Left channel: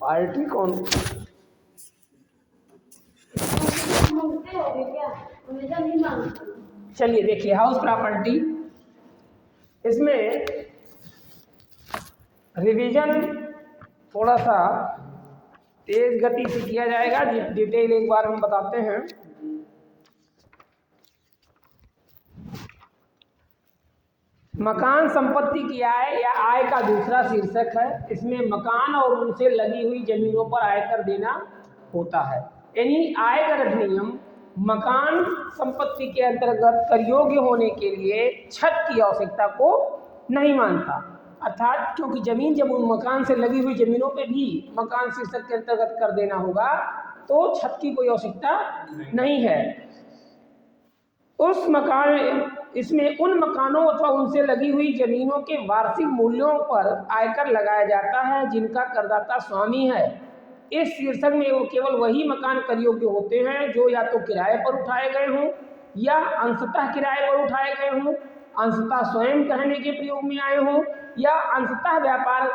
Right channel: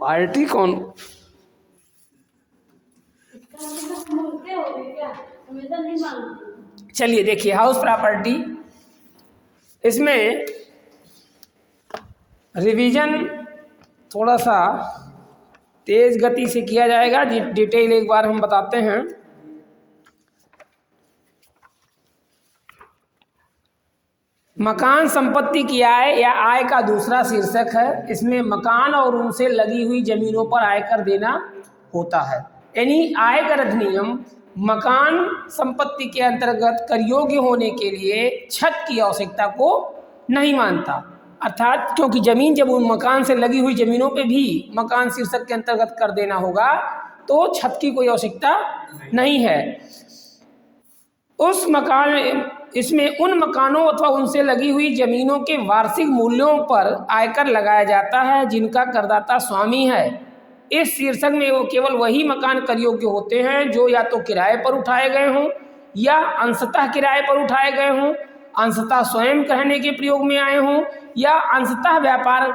Party कौन? चलिए देखिए, हाउस प्रॉपर्टी, इसमें रिवीजन थोड़ा सा तेज गति से किया जाएगा। डिटेल एक बार हम बताते हैं। मकान संपत्ति की आय या आय का दूसरा शीर्षक है। इसमें मकान और उनसे लगी हुई जमीनों पर आयकर देना होता है। यानी आयकर अधिनियम मकान संपत्ति के अंतर्गत कर योग्य होने के लिए छत की आवश्यकता को नहीं मानता। अर्थात क्योंकि जमीन, जब उन मकान से लगी हुई जमीनों पे भी मकान शीर्षक के अंतर्गत कर देना होगा, तो छत की कोई आवश्यकता नहीं है। उस मकान इसमें उन मकानों अथवा उनसे लगी हुई जमीनों के वार्षिक मूल्यों पर आयकर लगाया जाता है जिनका करदाता स्वामी है। इस शीर्षक में वो केवल वही मकान कर योग्य होते हैं जो या तो किराए पर उठाए गए हों या अंशतः किराए पर उठाए गए हों, अंशतः स्वयं रहने के प्रयोग में आए हों या अंशतः व्यापार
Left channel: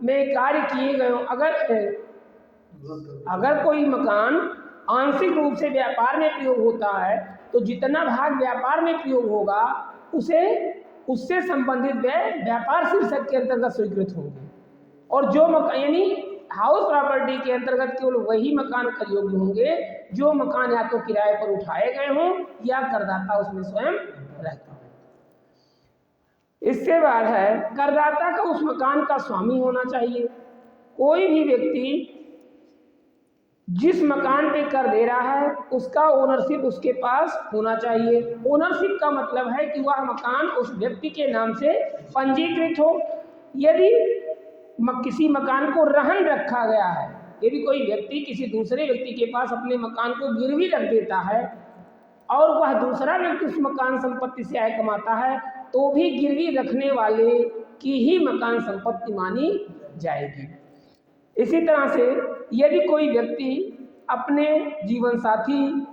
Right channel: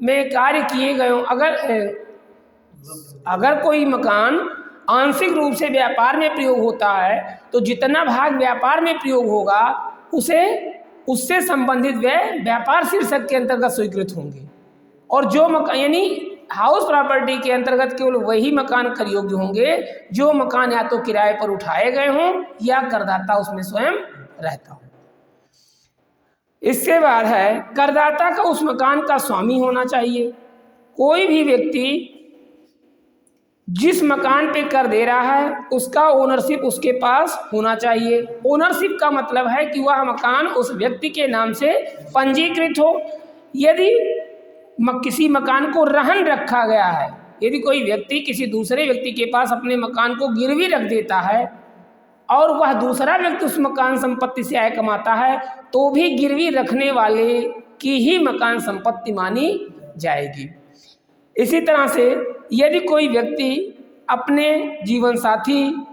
में कार्य किए गए हों। अगर कोई मकान आंशिक रूप से व्यापार में प्रयोग होता है तो जितना भाग व्यापार में प्रयोग होगा उससे संबंधित व्यय व्यापार शीर्षक के अंतर्गत स्वीकृत होंगे। और जो मकान, यानी हाउस प्रॉपर्टी के अंतर्गत केवल वही मकान कर योग्य होंगे जो मकान या तो किराए पर उठाए गए हों या करदाता उसमें स्वयं रहता हो। इसके बाद है, करदाता का उस मकान का स्वामी होना चाहिए। कोई भी व्यक्ति जिस मकान पे कर दे रहा है उसका ओनरशिप उसके पास होना चाहिए। ओनरशिप का मतलब है कि वह मकान उस व्यक्ति के नाम से पंजीकृत हो। यदि किसी मकान को रहन रखा गया है, यदि कोई व्यक्ति किसी दूसरे व्यक्ति के पास अपने मकान को गिरवी रख देता है और वह दूसरा व्यक्ति उस मकान संपत्ति से आय कमाता है, तो भी गिरवी रखने वाले की ही मकान संपत्ति मानी जाएगी। इसी तरह से यदि कोई व्यक्ति अपने जीवन साथी,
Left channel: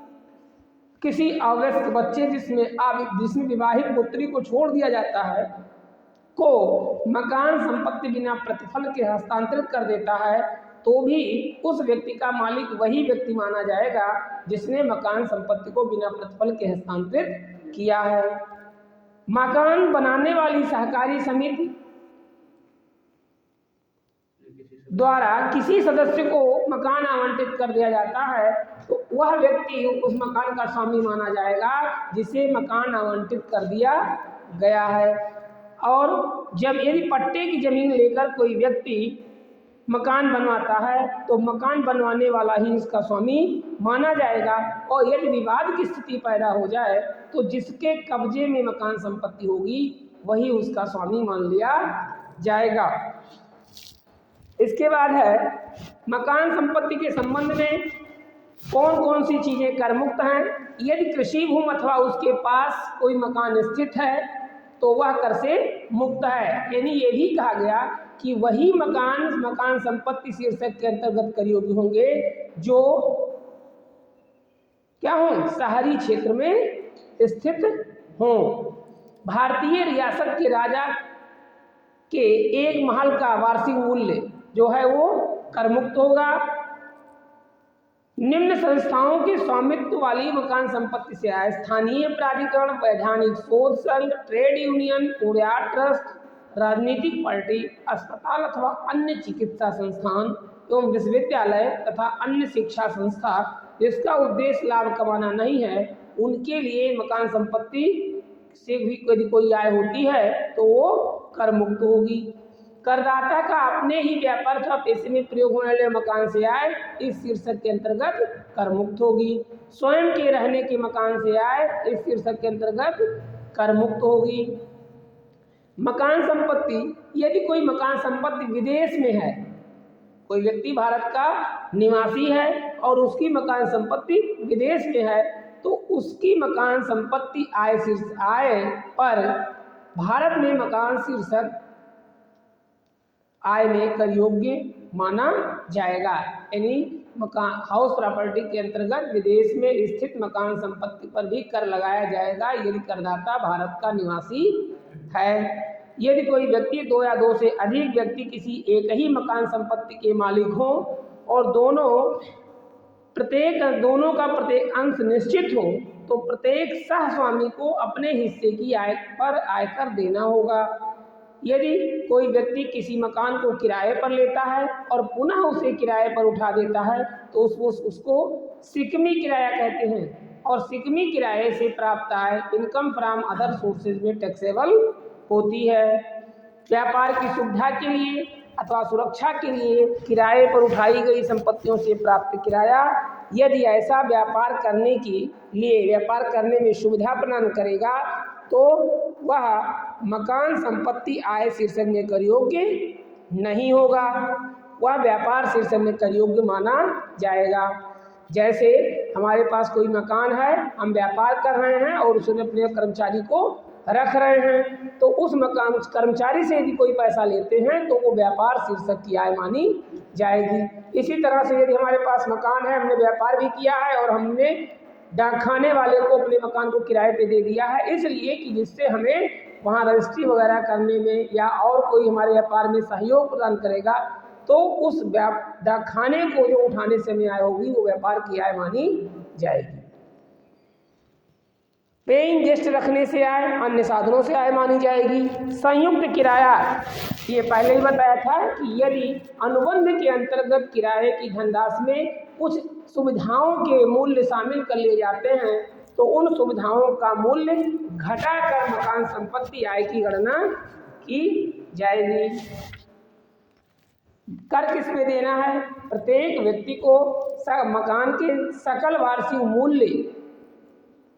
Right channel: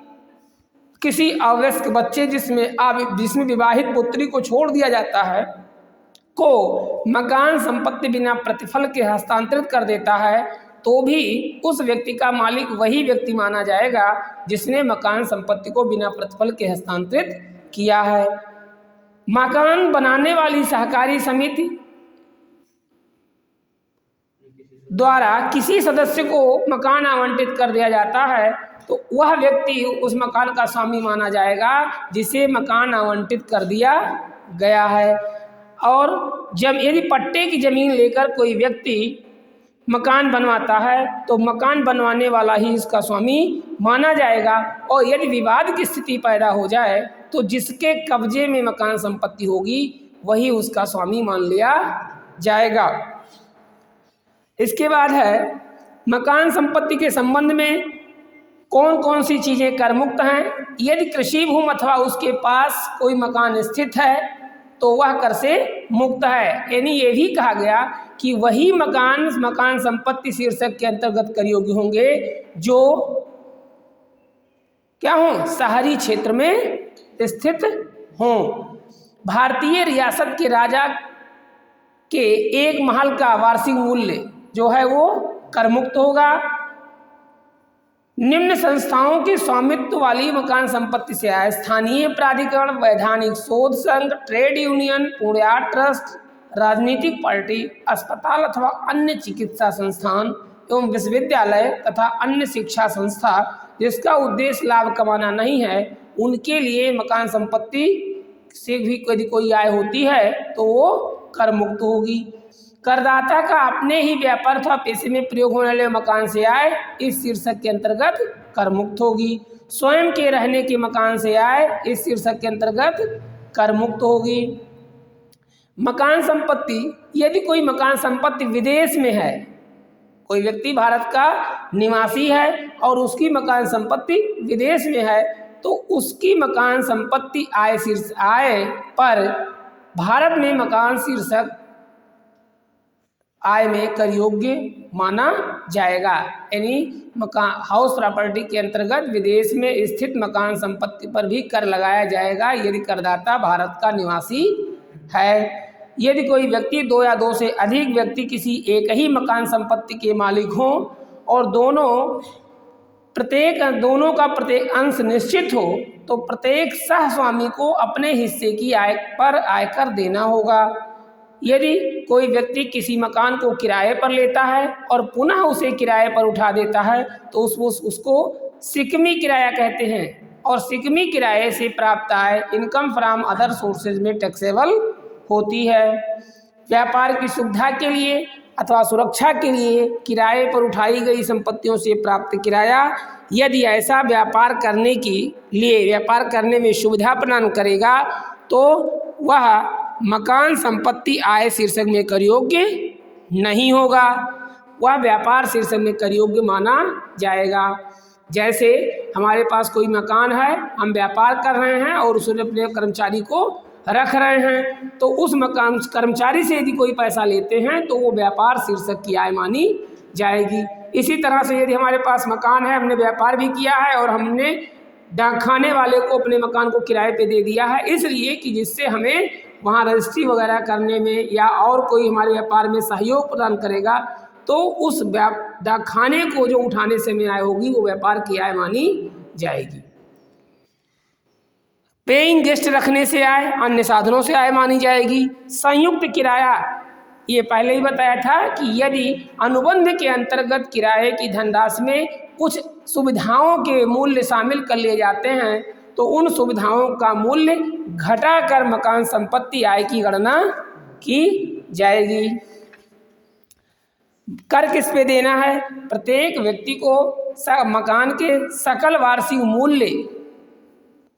किसी अवयस्क बच्चे जिसमें विवाहित पुत्री को छोड़ दिया जाता है, को मकान संपत्ति बिना प्रतिफल के हस्तांतरित कर देता है, तो भी उस व्यक्ति का मालिक वही व्यक्ति माना जाएगा जिसने मकान संपत्ति को बिना प्रतिफल के हस्तांतरित किया है। मकान बनाने वाली सहकारी समिति द्वारा किसी सदस्य को मकान आवंटित कर दिया जाता है तो वह व्यक्ति उस मकान का स्वामी माना जाएगा जिसे मकान आवंटित कर दिया गया है। और जब यदि पट्टे की जमीन लेकर कोई व्यक्ति मकान बनवाता है तो मकान बनवाने वाला ही इसका स्वामी माना जाएगा। और यदि विवाद की स्थिति पैदा हो जाए तो जिसके कब्जे में मकान संपत्ति होगी वही उसका स्वामी मान लिया जाएगा। इसके बाद है, मकान संपत्ति के संबंध में कौन कौन सी चीज़ें कर मुक्त हैं। यदि कृषि भूमि अथवा उसके पास कोई मकान स्थित है तो वह कर से मुक्त है। यानी ये भी कहा गया कि वही मकान संपत्ति शीर्षक के अंतर्गत कर योग्य होंगे जो क्या हों, शहरी क्षेत्र में स्थित हों। भारतीय रियासत के राजा के एक महल का वार्षिक मूल्य जो है वो कर मुक्त होगा। निम्न संस्थाओं के स्वामित्व वाली मकान संपत्ति से आय स्थानीय प्राधिकरण, वैधानिक शोध संघ, ट्रेड यूनियन, पुण्यार्थ ट्रस्ट, राजनीतिक पार्टी, अस्पताल अथवा अन्य चिकित्सा संस्थान एवं विश्वविद्यालय तथा अन्य शिक्षा संस्था जिसका उद्देश्य लाभ कमाना नहीं है, उनके लिए मकान संपत्ति से भी यदि कोई आय होती है तो वो कर मुक्त होगी। करदाता का अपने ही व्यापार अथवा पैसे में प्रयोग होने वाले मकान से आय इस शीर्षक के अंतर्गत कर मुक्त होगी। स्वयं के रहने के मकान से आय इस शीर्षक के अंतर्गत कर मुक्त होगी। मकान संपत्ति, यदि कोई मकान संपत्ति विदेश में है, कोई व्यक्ति भारत का निवासी है और उसकी मकान संपत्ति विदेश में है, तो उसकी मकान संपत्ति आय पर भारत में मकान शीर्षक आय में कर योग्य माना जाएगा। यानी मकान हाउस प्रॉपर्टी के अंतर्गत विदेश में स्थित मकान संपत्ति पर भी कर लगाया जाएगा यदि करदाता भारत का निवासी है। यदि कोई व्यक्ति दो या दो से अधिक व्यक्ति किसी एक ही मकान संपत्ति के मालिक हों और दोनों का प्रत्येक अंश निश्चित हो तो प्रत्येक सहस्वामी को अपने हिस्से की आय पर आयकर देना होगा। यदि कोई व्यक्ति किसी मकान को किराए पर लेता है और पुनः उसे किराए पर उठा देता है तो उसको सिकमी किराया कहते हैं, और सिकमी किराए से प्राप्त आय इनकम फ्रॉम अदर सोर्सेज में टैक्सेबल होती है। व्यापार की सुविधा के लिए अथवा सुरक्षा के लिए किराए पर उठाई गई संपत्तियों से प्राप्त किराया यदि ऐसा व्यापार करने में सुविधा प्रदान करेगा तो वह मकान संपत्ति आय शीर्षक में कर योग्य नहीं होगा, वह व्यापार शीर्षक में कर योग्य माना जाएगा। जैसे हमारे पास कोई मकान है, हम व्यापार कर रहे हैं और उसने अपने कर्मचारी को रख रहे हैं, तो उस मकान कर्मचारी से यदि कोई पैसा लेते हैं तो वो व्यापार शीर्षक की आय मानी जाएगी। इसी तरह से यदि हमारे पास मकान है, हमने व्यापार भी किया है और हमने डाकखाने वाले को अपने मकान को किराए पे दे दिया है, इसलिए कि जिससे हमें वहाँ रजिस्ट्री वगैरह करने में या और कोई हमारे व्यापार में सहयोग प्रदान करेगा, तो उस डाकखाने को जो उठाने से में आय होगी वो व्यापार की आय मानी जाएगी। पेइंग गेस्ट रखने से आय, अन्य साधनों से आय मानी जाएगी। संयुक्त किराया, ये पहले ही बताया था कि यदि अनुबंध के अंतर्गत किराए की धनराशि में कुछ सुविधाओं के मूल्य शामिल कर लिए जाते हैं तो उन सुविधाओं का मूल्य घटाकर मकान संपत्ति आय की गणना की जाएगी। कर किस पे देना है? प्रत्येक व्यक्ति को मकान के सकल वार्षिक मूल्य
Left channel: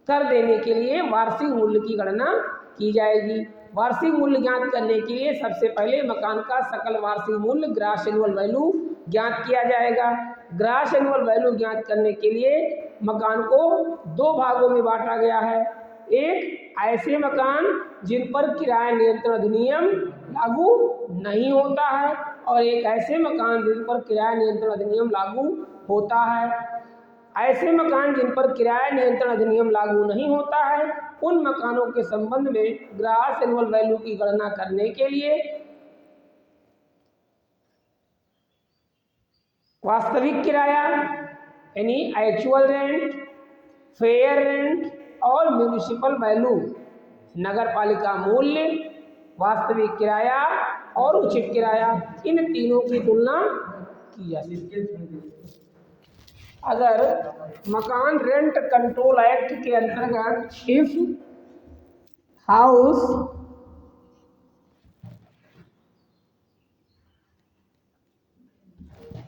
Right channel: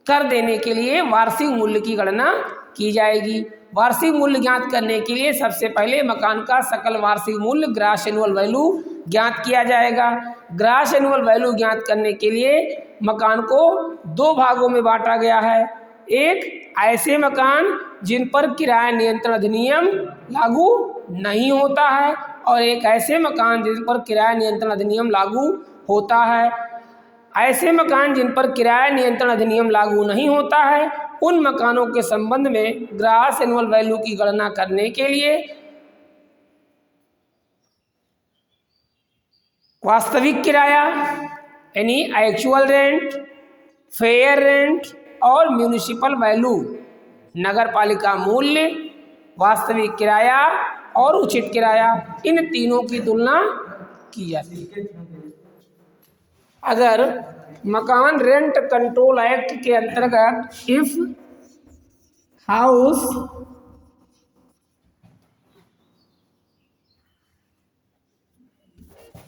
कर देने के लिए वार्षिक मूल्य की गणना की जाएगी। वार्षिक मूल्य ज्ञात करने के लिए सबसे पहले मकान का सकल वार्षिक मूल्य ग्रॉस एनुअल वैल्यू ज्ञात किया जाएगा। ग्रॉस एनुअल वैल्यू ज्ञात करने के लिए मकान को दो भागों में बांटा गया है। एक ऐसे मकान जिन पर किराया नियंत्रण अधिनियम लागू नहीं होता है और एक ऐसे मकान जिन पर किराया नियंत्रण अधिनियम लागू होता है। ऐसे मकान जिन पर किराया नियंत्रण अधिनियम लागू नहीं होता है उन मकानों के संबंध में ग्रॉस एनुअल वैल्यू की गणना करने के लिए वास्तविक किराया यानी एक्चुअल रेंट, फेयर रेंट और म्यूनिसिपल वैल्यू, नगर पालिका मूल्य, वास्तविक किराया और उचित किराया, इन तीनों की तुलना की जाती है। अगर मकान रेंट कंट्रोल एक्ट के अंतर्गत इफ हाउस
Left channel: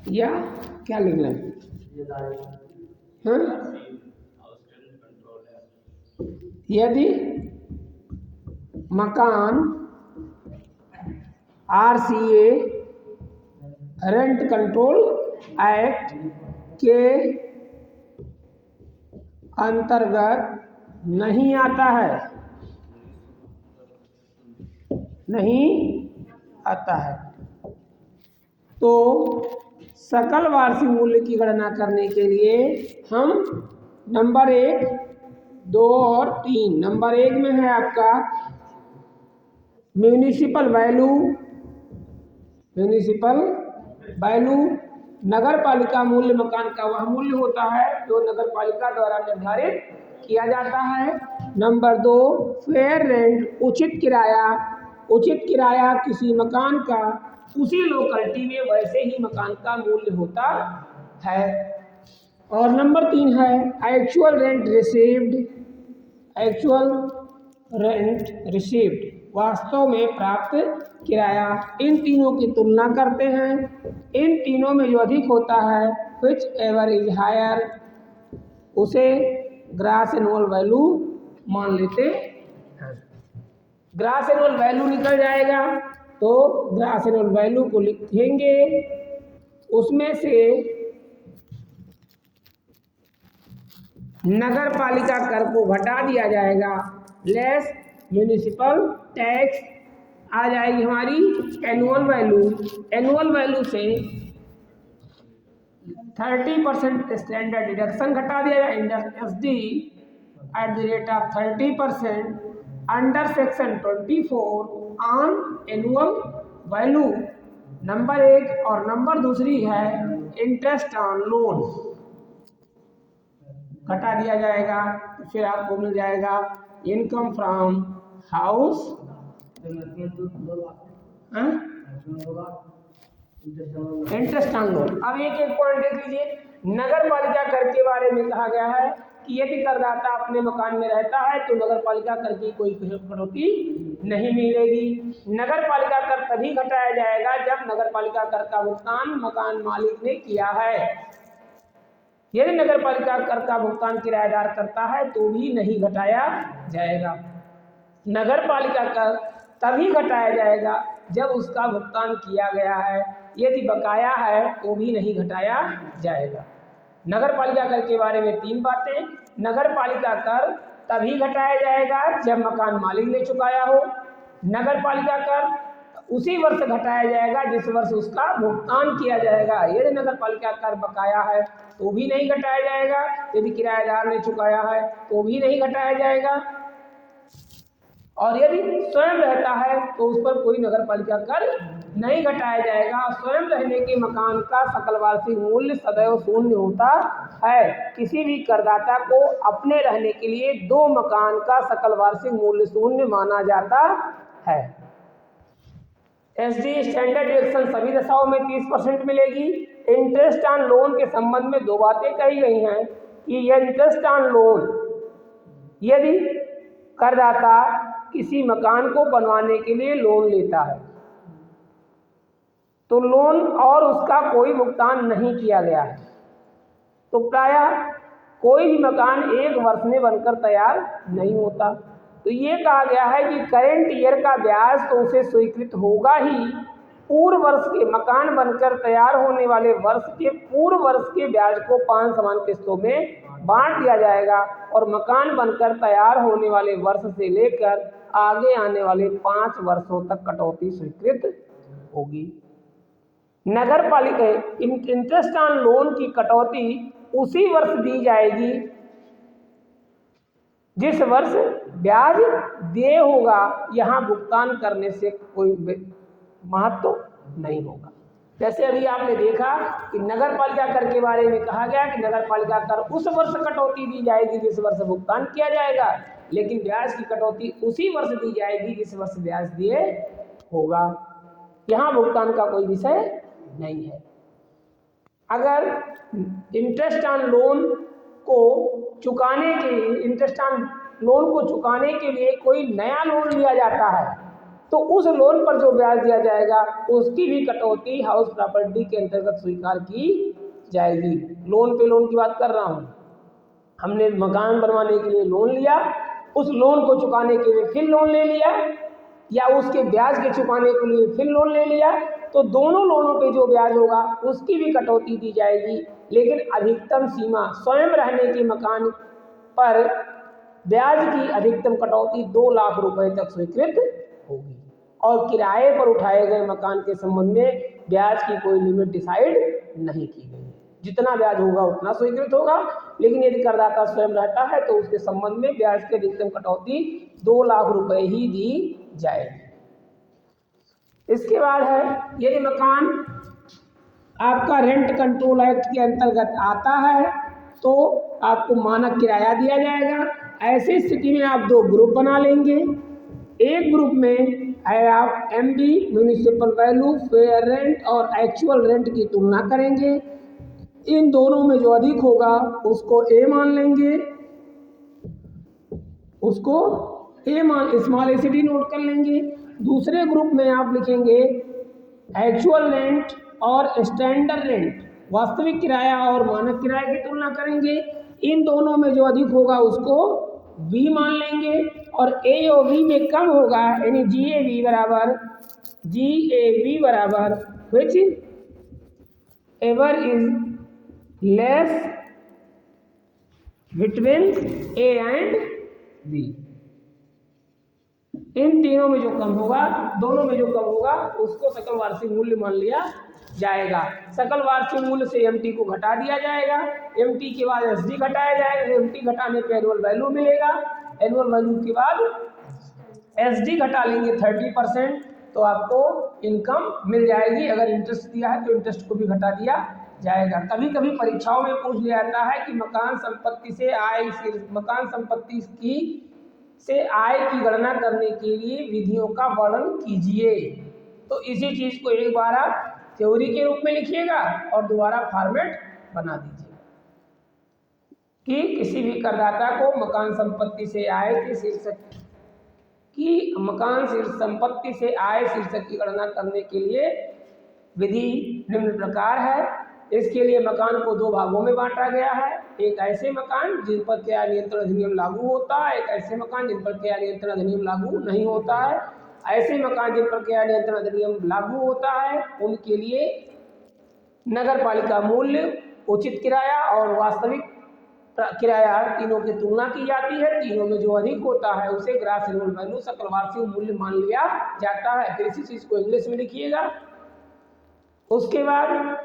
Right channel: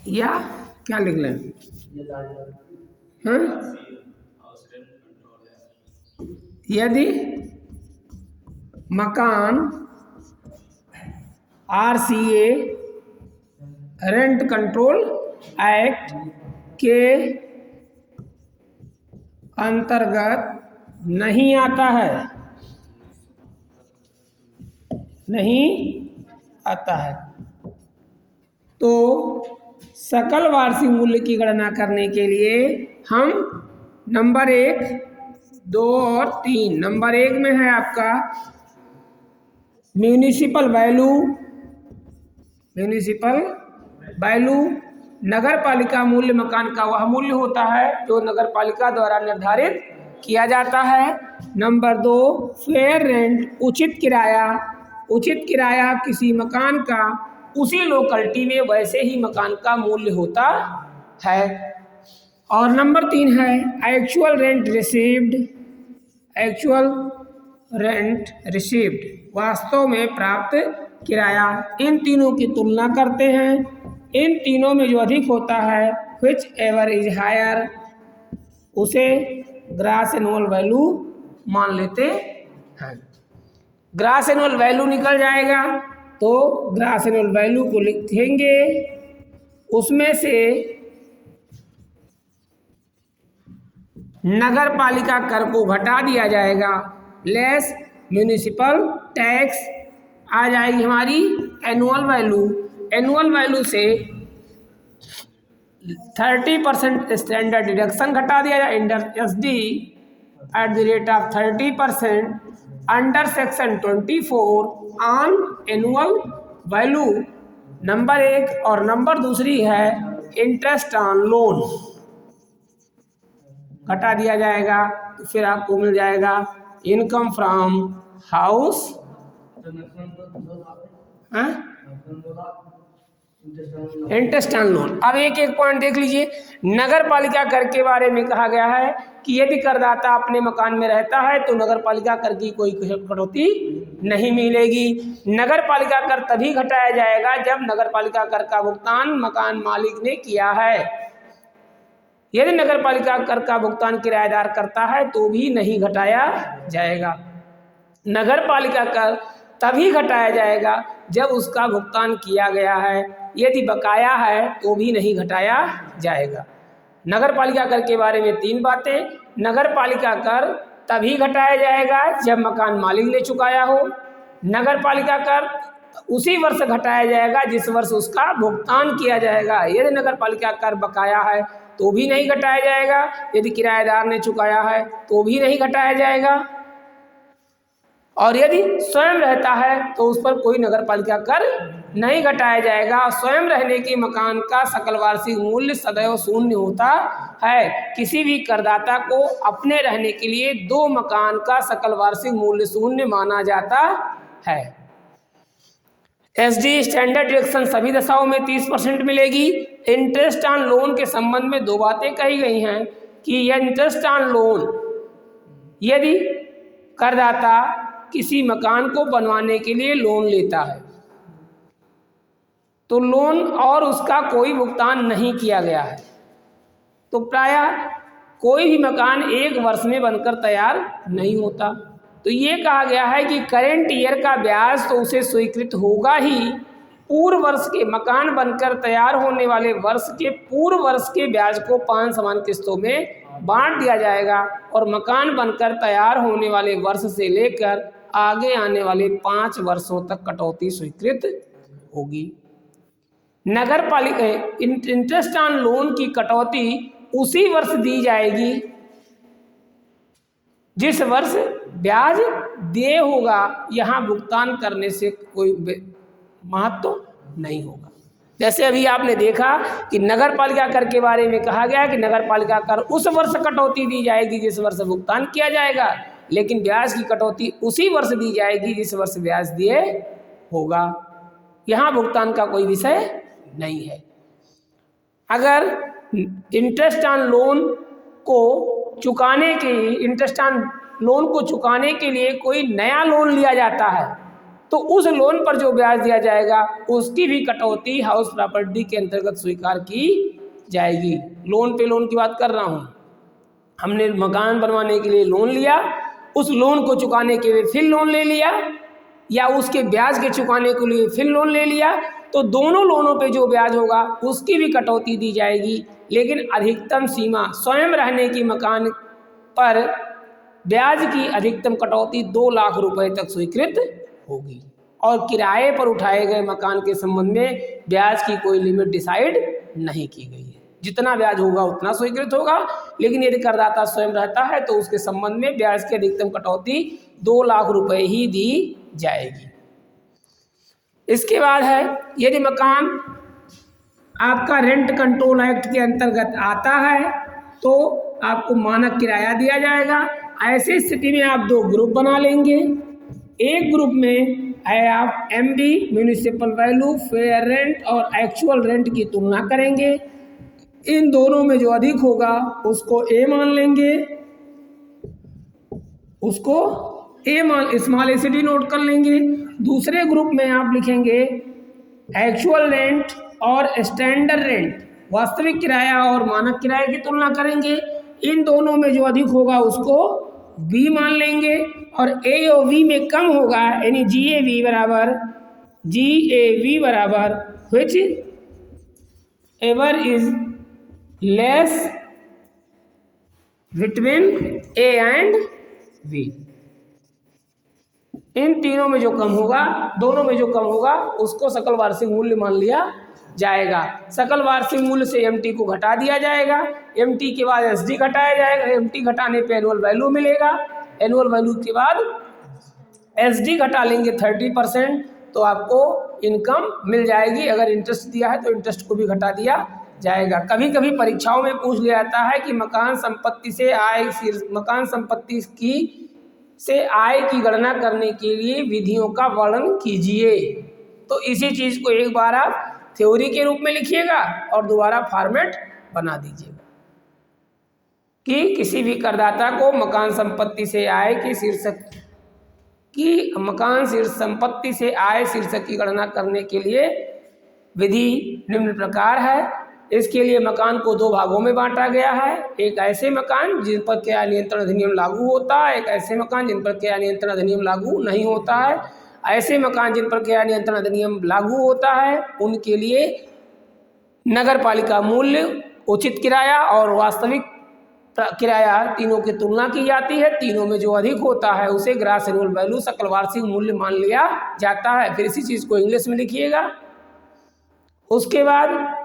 या क्या लिख लें, यदि मकान RCA रेंट कंट्रोल एक्ट के अंतर्गत नहीं आता है तो सकल वार्षिक मूल्य की गणना करने के लिए हम नंबर 1, 2 और 3, नंबर 1 में है आपका म्यूनिसिपल वैल्यू, नगर पालिका मूल्य किराया का वह मूल्य होता है जो नगर पालिका द्वारा निर्धारित किया जाता है। नंबर 2 फेयर रेंट, उचित किराया किसी मकान का उसी लोकेलिटी में वैसे ही मकान का मूल्य होता है। और नंबर 3 है एक्चुअल रेंट रिसीव्ड, वास्तव में प्राप्त किराया। इन तीनों की तुलना करते हैं, इन तीनों में जो अधिक होता है विच एवर इज हायर उसे ग्रॉस एनुअल वैल्यू मान लेते हैं। ग्रॉस एनुअल वैल्यू निकल जाएगा तो ग्रॉस एनुअल वैल्यू को लिखेंगे, उसमें से नगर पालिका कर को घटा दिया जाएगा, लेस म्यूनिसिपल टैक्स आ जाएगी हमारी एनुअल वैल्यू से 30% स्टैंडर्ड डिडक्शन घटा दिया जाए under SD at the rate of 30% under section 24 on annual value number 1, और नंबर दूसरी है इंटरेस्ट ऑन लोन। घटा दिया जाएगा तो फिर आपको मिल जाएगा income from house interest on loan. अब एक एक पॉइंट देख लीजिए। नगर पालिका कर के बारे में कहा गया है कि यदि करदाता अपने मकान में रहता है तो नगर पालिका कर की कोई कटौती नहीं मिलेगी। नगर पालिका कर तभी घटाया जाएगा जब नगर पालिका कर का भुगतान मकान मालिक ने किया है। यदि नगर पालिका कर का भुगतान किराएदार करता है तो भी नहीं घटाया जाएगा। नगर पालिका कर तभी घटाया जाएगा जब उसका भुगतान किया गया है। यदि बकाया है तो भी नहीं घटाया जाएगा। नगर पालिका कर के बारे में 3 बातें। नगर पालिका कर तभी घटाया जाएगा जब मकान मालिक ने चुकाया हो। नगर पालिका कर उसी वर्ष घटाया जाएगा जिस वर्ष उसका भुगतान किया जाएगा। यदि नगर पालिका कर बकाया है तो भी नहीं घटाया जाएगा। यदि किराएदार ने चुकाया है तो भी नहीं घटाया जाएगा। और यदि स्वयं रहता है तो उस पर कोई नगर पालिका कर नहीं घटाया जाएगा। स्वयं रहने के मकान का सकल वार्षिक मूल्य सदैव शून्य होता है। किसी भी करदाता को अपने रहने के लिए 2 मकान का सकल वार्षिक मूल्य शून्य माना जाता है। एसडी स्टैंडर्ड डिडक्शन सभी दशाओं में 30% मिलेगी। इंटरेस्ट ऑन लोन के संबंध में 2 बातें कही गई हैं कि यह इंटरेस्ट ऑन लोन यदि करदाता किसी मकान को बनवाने के लिए लोन लेता है तो लोन और उसका कोई भुगतान नहीं किया गया है तो प्रायः कोई भी मकान 1 वर्ष में बनकर तैयार नहीं होता। तो ये कहा गया है कि करेंट ईयर का ब्याज तो उसे स्वीकृत होगा ही। पूर्व वर्ष के मकान बनकर तैयार होने वाले वर्ष के पूर्व वर्ष के ब्याज को 5 समान किस्तों में बांट दिया जाएगा और मकान बनकर तैयार होने वाले वर्ष से लेकर आगे आने वाले 5 वर्षों तक कटौती स्वीकृत होगी। नगर पालिका इंटरेस्ट ऑन लोन की कटौती उसी वर्ष दी जाएगी जिस वर्ष ब्याज देय होगा। यहाँ भुगतान करने से कोई महत्व नहीं होगा। जैसे अभी आपने देखा कि नगर पालिका कर के बारे में कहा गया कि नगर पालिका कर उस वर्ष कटौती दी जाएगी जिस वर्ष भुगतान किया जाएगा, लेकिन ब्याज की कटौती उसी वर्ष दी जाएगी जिस वर्ष ब्याज दिए होगा। यहाँ भुगतान का कोई विषय नहीं है। अगर इंटरेस्ट ऑन लोन को चुकाने के लिए कोई नया लोन लिया जाता है तो उस लोन पर जो ब्याज दिया जाएगा उसकी भी कटौती हाउस प्रॉपर्टी के अंतर्गत स्वीकार की जाएगी। लोन पे लोन की बात कर रहा हूँ। हमने मकान बनवाने के लिए लोन लिया, उस लोन को चुकाने के लिए फिर लोन ले लिया या उसके ब्याज के चुकाने के लिए फिर लोन ले लिया, तो दोनों लोनों पे जो ब्याज होगा उसकी भी कटौती दी जाएगी। लेकिन अधिकतम सीमा स्वयं रहने के मकान पर ब्याज की अधिकतम कटौती 2 लाख रुपए तक स्वीकृत होगी और किराए पर उठाए गए मकान के संबंध में ब्याज की कोई लिमिट डिसाइड नहीं की गई है। जितना ब्याज होगा उतना स्वीकृत होगा, लेकिन यदि करदाता स्वयं रहता है तो उसके संबंध में ब्याज की अधिकतम कटौती 2 लाख रुपए ही दी जाएगी। इसके बाद है यदि मकान आपका रेंट कंट्रोल एक्ट के अंतर्गत आता है तो आपको मानक किराया दिया जाएगा। ऐसी स्थिति में आप 2 ग्रुप बना लेंगे। एक ग्रुप में है आप MB municipal value, fair rent और एक्चुअल रेंट की तुलना करेंगे। इन दोनों में जो अधिक होगा उसको A मान लेंगे, उसको स्मॉल ACD नोट कर लेंगे। दूसरे ग्रुप में आप लिखेंगे एक्चुअल रेंट और स्टैंडर्ड रेंट, वास्तविक किराया और मानक किराए की तुलना करेंगे। इन दोनों में जो अधिक होगा उसको B मान लेंगे और A और B में कम होगा यानी GAV बराबर which ever is less between A and B। इन तीनों में जो कम होगा, दोनों में जो कम होगा उसको सकल वार्षिक मूल्य मान लिया जाएगा। सकल वार्षिक मूल्य से MT को घटा दिया जाएगा, MT के बाद SD घटाया जाएगा, MT घटाने पे एनुअल वैल्यू मिलेगा, एनुअल वैल्यू के बाद एसडी घटा लेंगे 30%, तो आपको इनकम मिल जाएगी। अगर इंटरेस्ट दिया है तो इंटरेस्ट को भी घटा दिया जाएगा। कभी कभी परीक्षाओं में पूछ लिया जाता है कि मकान संपत्ति से आय की गणना करने के लिए विधियों का वर्णन कीजिए। तो इसी चीज को एक बार आप थ्योरी के रूप में लिखिएगा और दोबारा फॉर्मेट बना दीजिएगा कि किसी भी करदाता को मकान संपत्ति से आय के संपत्ति से आय शीर्षक की गणना करने के लिए विधि निम्न प्रकार है। इसके लिए मकान को 2 भागों में बांटा गया है। एक ऐसे मकान जिन पर किराया नियंत्रण अधिनियम लागू होता है, एक ऐसे मकान जिन पर किराया नियंत्रण अधिनियम लागू नहीं होता है। ऐसे मकान जिन पर किराया नियंत्रण अधिनियम लागू होता है उनके लिए नगर पालिका मूल्य, उचित किराया और वास्तविक किराया तीनों की तुलना की जाती है। तीनों में जो अधिक होता है उसे ग्रॉस एनुअल वैल्यू, सकल वार्षिक मूल्य मान लिया जाता है। फिर इसी चीज को इंग्लिश में लिखिएगा। उसके बाद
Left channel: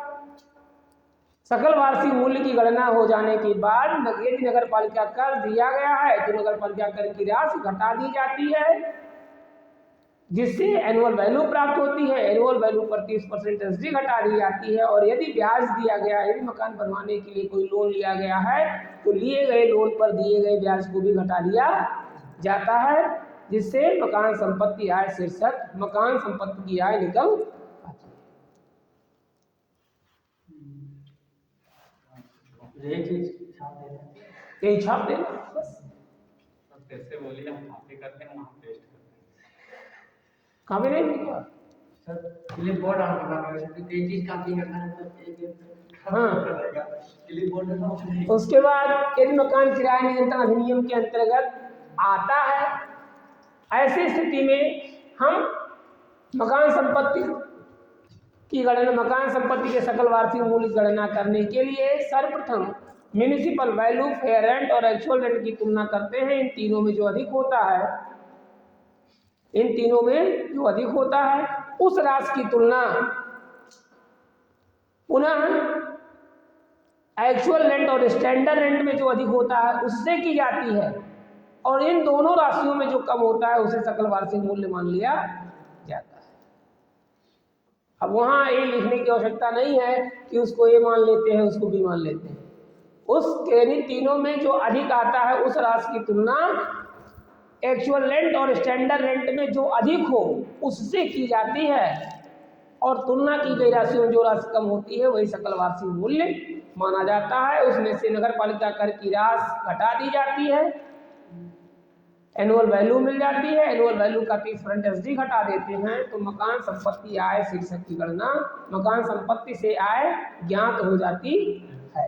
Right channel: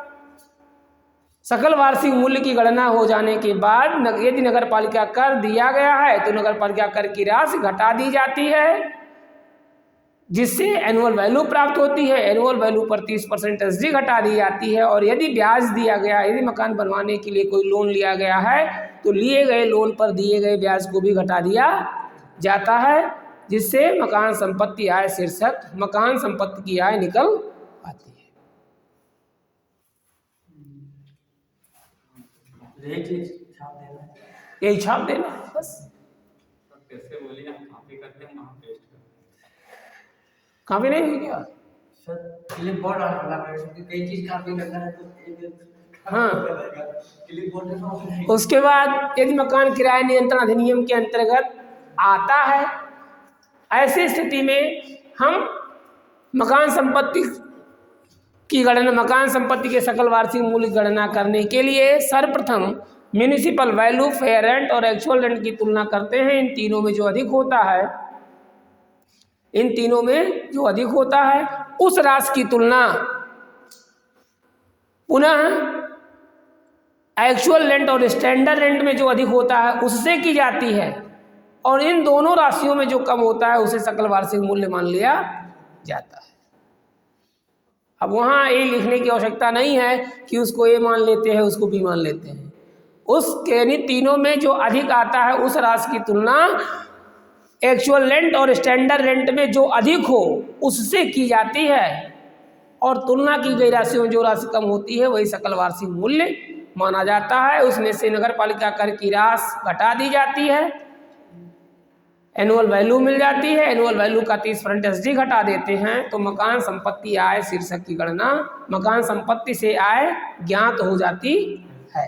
सकल वार्षिक मूल्य की गणना हो जाने के बाद यदि नगर पालिका कर दिया गया है तो नगर पालिका कर की राशि घटा दी जाती है, जिससे एनुअल वैल्यू प्राप्त होती है। एनुअल वैल्यू पर 30% एसडी घटा दी जाती है। और यदि ब्याज दिया गया, यदि मकान बनवाने के लिए कोई लोन लिया गया है तो लिए गए लोन पर दिए गए ब्याज को भी घटा दिया जाता है, जिससे मकान संपत्ति आय शीर्षक मकान संपत्ति की आय निकल आती है। यही छाप देना बस। कैसे बोलिए, हम कॉपी करते हैं वहाँ पेस्ट करते हैं। कॉपी नहीं हुई क्या? सर क्लिप बोर्ड ऑन करना पड़ेगा क्योंकि कई चीज कॉपी करना है तो क्लिप बोर्ड में ऑफ नहीं। उसके बाद यदि मकान किराया नियंत्रण अधिनियम के अंतर्गत आता है, ऐसी स्थिति में हम मकान संपत्ति के सकल वार्षिक मूल्य की गणना करने के लिए सर्वप्रथम म्यूनिसिपल वैल्यू, फेयर रेंट और एक्चुअल रेंट की तुलना करते हैं। इन तीनों में जो अधिक होता है उस राशि की तुलना पुनः एक्चुअल रेंट और स्टैंडर्ड रेंट में जो अधिक होता है उससे की जाती है, और इन दोनों राशियों में जो कम होता है उसे सकल वार्षिक मूल्य मान लिया जाता है। अब वहाँ ये लिखने की आवश्यकता नहीं है कि उसको ए मान लेते हैं, उसको बी मान लेते हैं। यानी तीनों में जो अधिक आता है उस राशि की तुलना एक्चुअल रेंट और स्टैंडर्ड रेंट में जो अधिक हो उससे की जाती है, और तुलना की गई राशि में जो राशि कम होती है वही सकल वार्षिक मूल्य माना जाता है। उसमें से नगर पालिका कर की राशि घटा दी जाती है, एनुअल वैल्यू मिल जाती है। एनुअल वैल्यू का 30% एसडी घटा देते हैं तो मकान संपत्ति आय शीर्षक की गणना मकान संपत्ति से आय ज्ञात हो जाती है।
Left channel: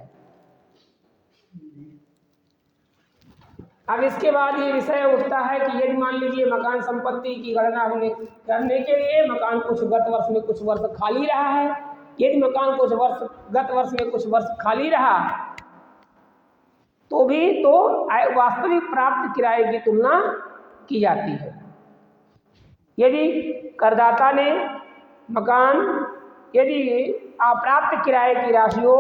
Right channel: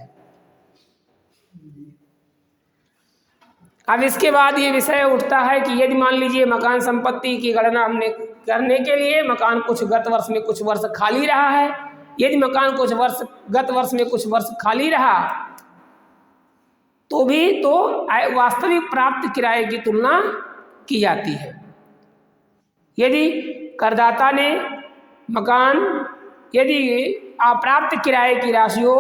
अब इसके बाद ये विषय उठता है कि यदि मान लीजिए मकान संपत्ति की गणना हमने करने के लिए मकान कुछ गत वर्ष में कुछ वर्ष खाली रहा है, यदि मकान गत वर्ष में कुछ वर्ष खाली रहा तो वास्तविक प्राप्त किराए की तुलना की जाती है। यदि करदाता ने यदि अप्राप्त किराए की राशियों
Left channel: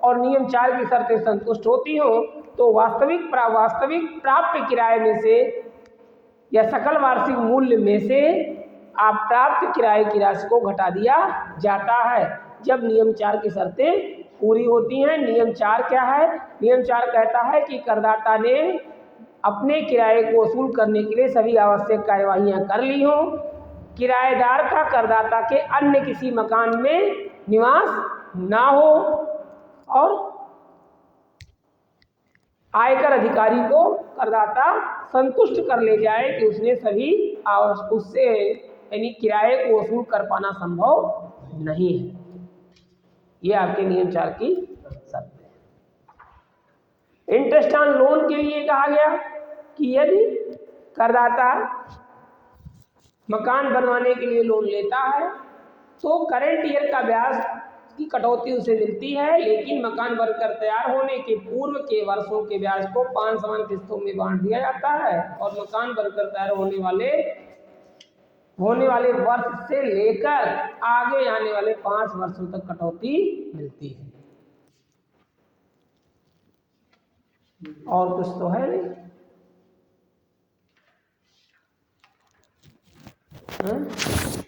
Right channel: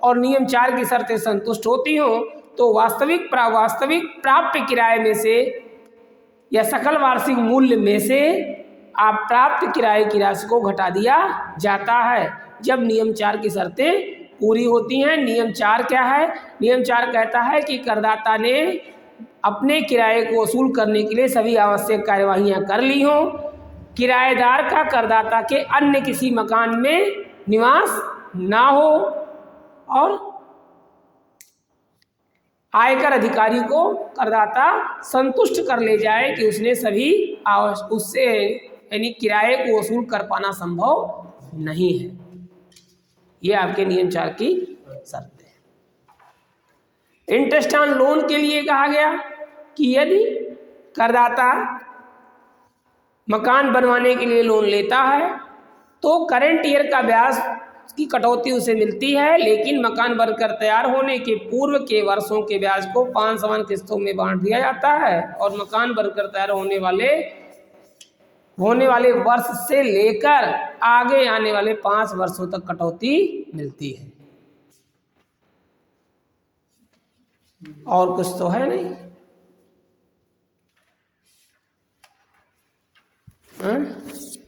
और नियम 4 की शर्तें संतुष्ट होती हों तो वास्तविक प्राप्त किराए में से या सकल वार्षिक मूल्य में से अप्राप्त किराए की राशि को घटा दिया जाता है, जब नियम 4 की शर्तें पूरी होती हैं। नियम 4 क्या है? नियम 4 कहता है कि करदाता ने अपने किराए को वसूल करने के लिए सभी आवश्यक कार्यवाहियां कर ली हों, किराएदार का करदाता के अन्य किसी मकान में निवास ना हो, और आयकर अधिकारी को करदाता संतुष्ट कर ले जाए कि उसने सभी उससे यानी किराए को वसूल कर पाना संभव नहीं है। ये आपके नियम 4 की शर्त है। इंटरेस्ट ऑन लोन के लिए कहा गया कि यदि करदाता मकान बनवाने के लिए लोन लेता है तो करंट ईयर का ब्याज की कटौती उसे मिलती है, लेकिन मकान बनकर तैयार होने के पूर्व के वर्षों के ब्याज को 5 समान किस्तों में बांट दिया जाता है, और मकान बनकर तैयार होने वाले वर्ष से लेकर आगे आने वाले 5 वर्षों तक कटौती मिलती है। और कुछ तो है नहीं। हाँ